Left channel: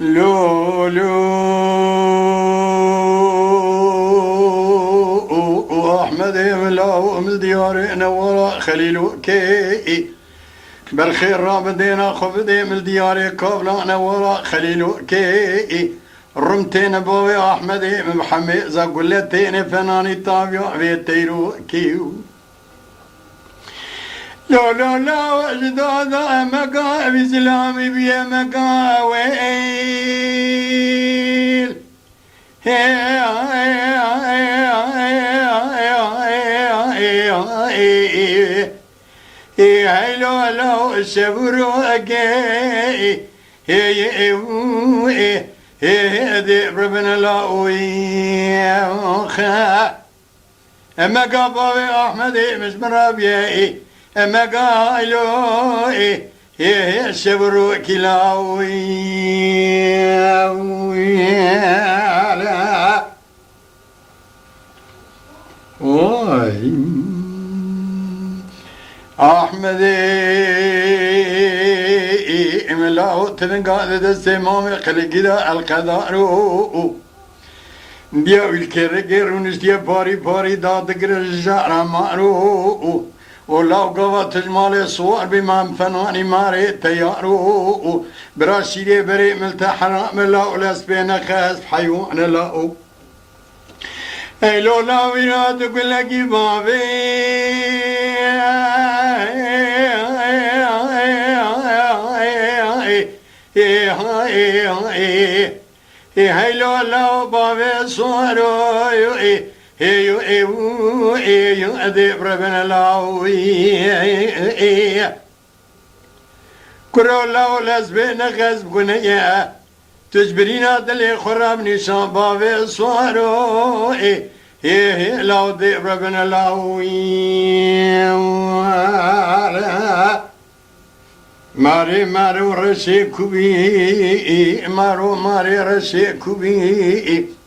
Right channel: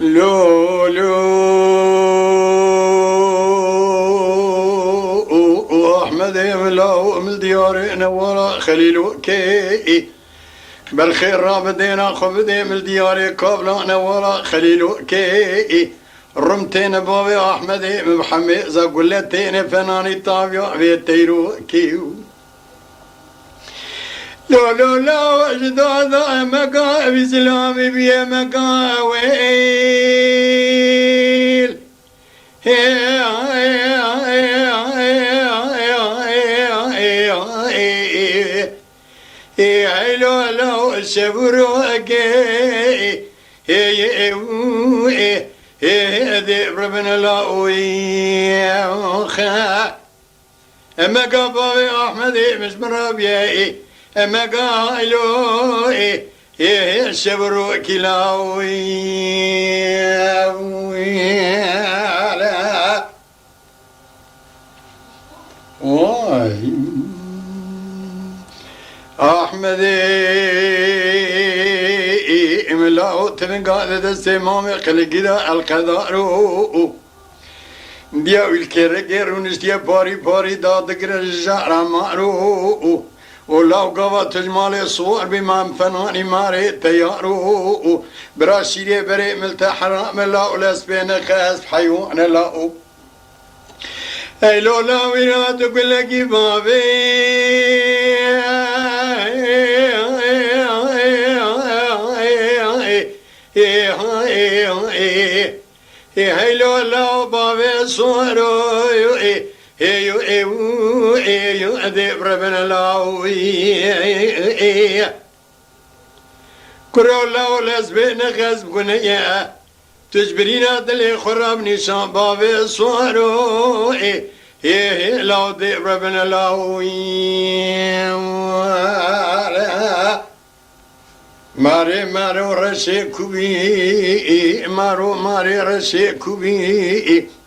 لو أحمد ملاو من ديار نورا خليل كي بالخير رابدينا خفدي من ديار قبل نورا خليل كي رمتين بابي أحمد محمد زقلتين فناني طابع بيتيرو كيو لو جداد مكا بسلامي بيا مكا ويل لو الشبروك ذئب ربنا لا مكا بابي أحمد مش مرابي اما قالوا الشبر كلاوي واي احمد املاو تبنقال السمام خلقنا القدار ديا الكرجر ونشتيا باري دادقر الجار مارو ولو قوات جمال صور بمام فناني ماري تيارو براسيلي بري ملتا حرام لا ولاس بين خاس حيوان لا اي لولا وينا تقول لك بابي هاي لولا بابي صورو ذئب ربنا لاوي كرو لاو لازبين غزب قنية تجبرينا دلي خراب نشان بابي صوارو لاو ذئب ربنا لاوي ماري ورشي كوبي ماري رشي كوبي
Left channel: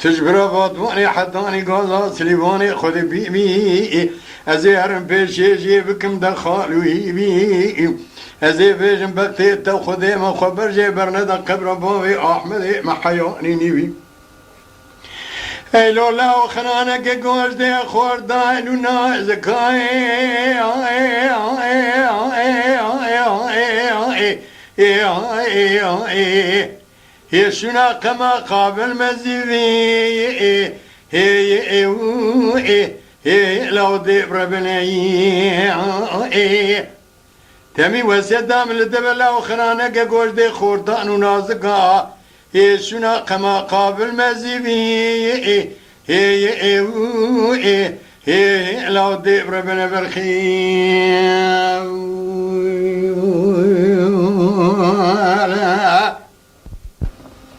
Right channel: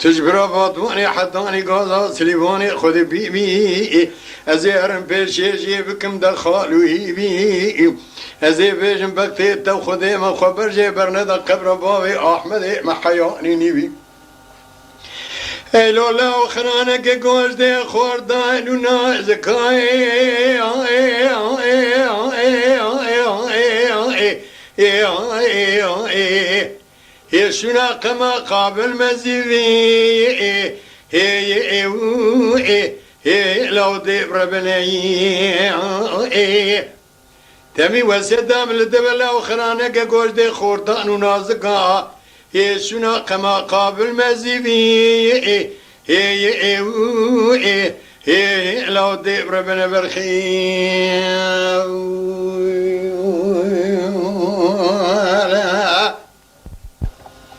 تجبر باطواني حطاني قازا سليباني خذ بيبي ازيهرم بيشي جيبكم دخالو هيبي ازي بيجم بكتيت تو خذي ما خبر جيبرنا دا قبر بابي احمد محياني نيبي ايلو لا خرانك قوش دي خور دايلونا زكاي شنا كما قابل مزيدي لو ذئب ربني تمي وسدام لدبل اخرانك قوش دي خورتان ونازقا شنا كما قابل مزيدي لو ذئب ربنا بالخير